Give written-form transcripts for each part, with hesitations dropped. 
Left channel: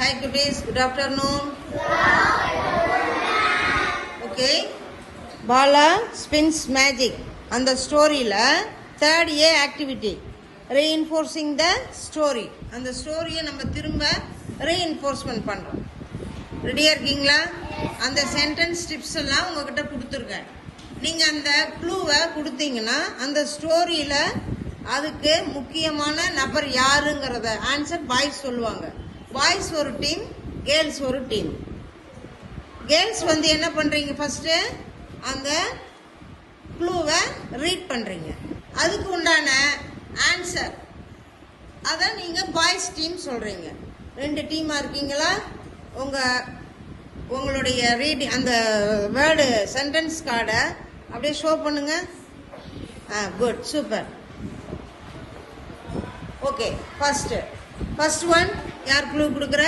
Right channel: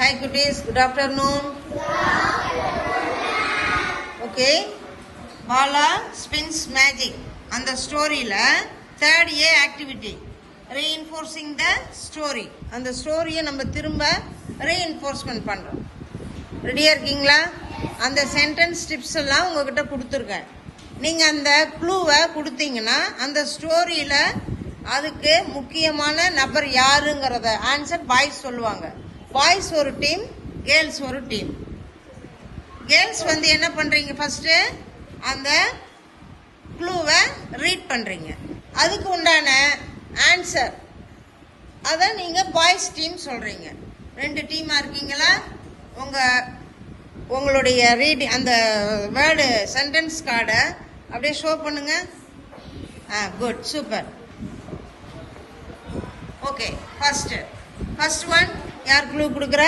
Hi cuties, good afternoon. Okay, Bala spins magic. On the story la third A activity, reinforcing the story. And the story நம்ம திரும்ப reinforcement பண்றோம். ரெடியா இருக்கீங்களா? அந்த sentence tips எல்லாம் உங்ககிட்ட கொடுத்துருக்கேன். நீங்க அந்த க்ளூவை கொடுத்தீங்கன்னா அந்த ஸ்டோரியில அதுக்கு முக்கியமான நபர் யாருங்கிறத ஆன்சர் பாய்ஸ் சொல்லுவாங்க. பாய்ஸ் ஒரு டீம், கேர்ள்ஸ் ஒரு டீம். கேர்ள்ஸ் வந்து என்ன பண்றீங்க, ஃபர்ஸ்ட் அந்த க்ளூவை ரீட் பண்றீங்க, அதுக்கு உண்டான ஆன்சர் அத நீங்க பாய்ஸ் டீம் சொல்றீங்க. ரெண்டு டீமா இருக்கீங்களா? உங்களுடைய ரீடிங் அந்த வேர்டு சென்டென்ஸ் கார்டை அப்படியே ஷோ பண்ணுங்க. Good, super. Okay, first one யார் க்ளூ கொடுக்குற?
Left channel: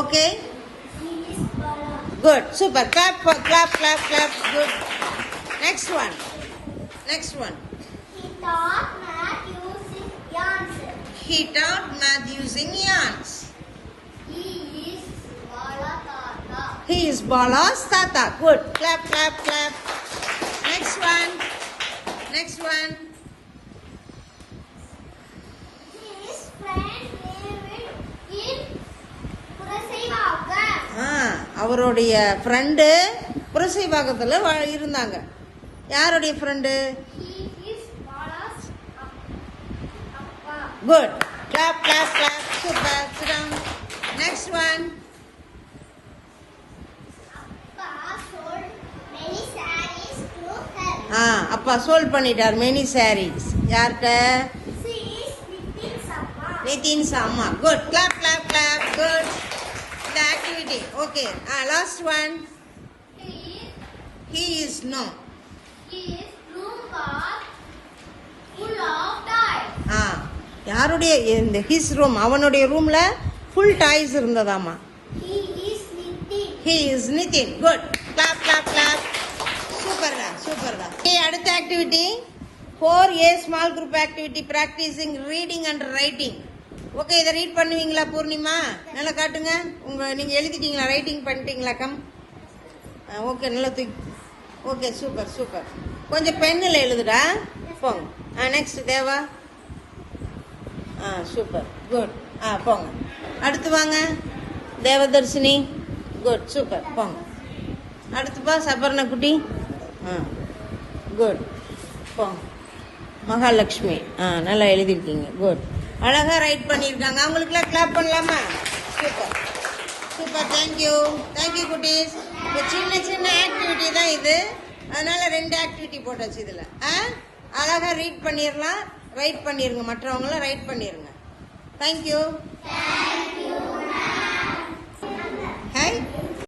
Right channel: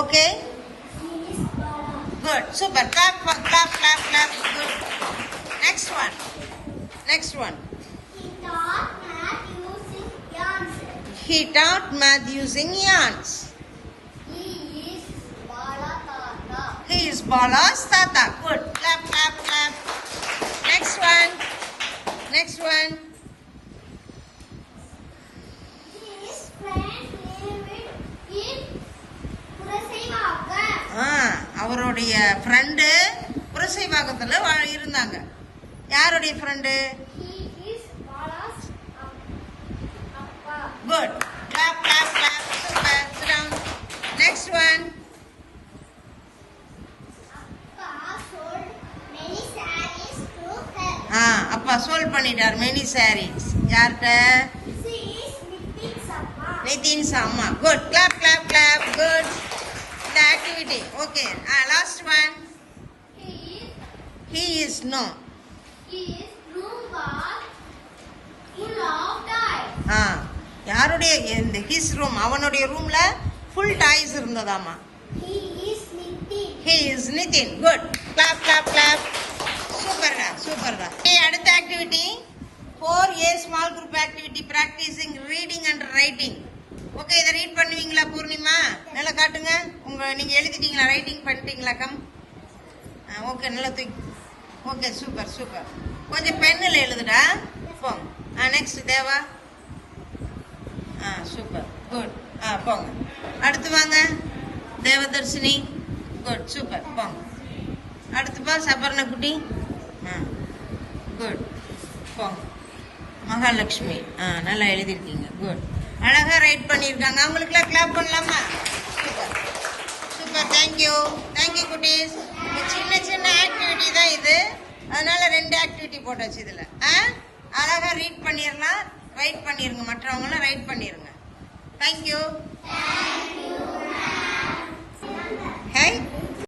Okay, good, super. Clap. Good. Next one. He taught math using yarns. He is Bala's Tata. Good. Clap. Next one. His friend lived in Purasaivaga. அவருடைய friend புரசைவாக்கத்துல இருந்தாங்க. யாருடைய friend? He is Bala's appa. Good. Clap. Super. Sit down. Next one. அப்பா sold பண்ணிட்டார் many sarees. யார்கிட்ட? நிதின்ஸ் அம்மா. Good. Clap. Good. இந்த activity okay. Last one. He is no. His room was full of toys. யாருடைய his room, அவனுடைய ரூம்ல full toys இருந்ததாமா. He is Nitin. Good. Clap. சூப்பர்டா. அடுத்த activity 4A small group activity, practising reading and writing. Okay, இதை read பண்ணுவீங்களா பூர்ணிமா? நல்லா காட்டுங்க. நீங்க எழுதிட்டீங்களா? ரைட்டிங் பண்ணிட்டீங்களா? கம். ஓகே, நல்லா தூக்கி. Okay, super. கொஞ்சம் பென்னில் எழுதுடா. போங்க. நெக்ஸ்ட் தேவா. சூப்பர். குட். போங்க. அடுத்து வாங்க தேவதர்ஷினி. Good, super. போங்க. அடுத்துப்பா சபர்ண குட்டி. குட். போங்க. மகாலட்சுமி. நல்லா எழுதிருக்கீங்க. குட். அழகா ரைட் பண்ணிருக்காங்க. அவங்களுக்குலாம் கிளாப் பண்ணலாமா? சூப்பர். தேங்க்யூ குட்டீஸ். சின்ன ஆக்டிவிட்டி தான் இது, அதனால 2 ஆக்டிவிட்டி போட்டாச்சு இதுல. அழகா ரீட் பண்ணிடலாம், ரைட் பண்ணிருங்க. மற்றவங்களும் ரைட் பண்ணிருங்க. தேங்க்யூ. ஹாய்.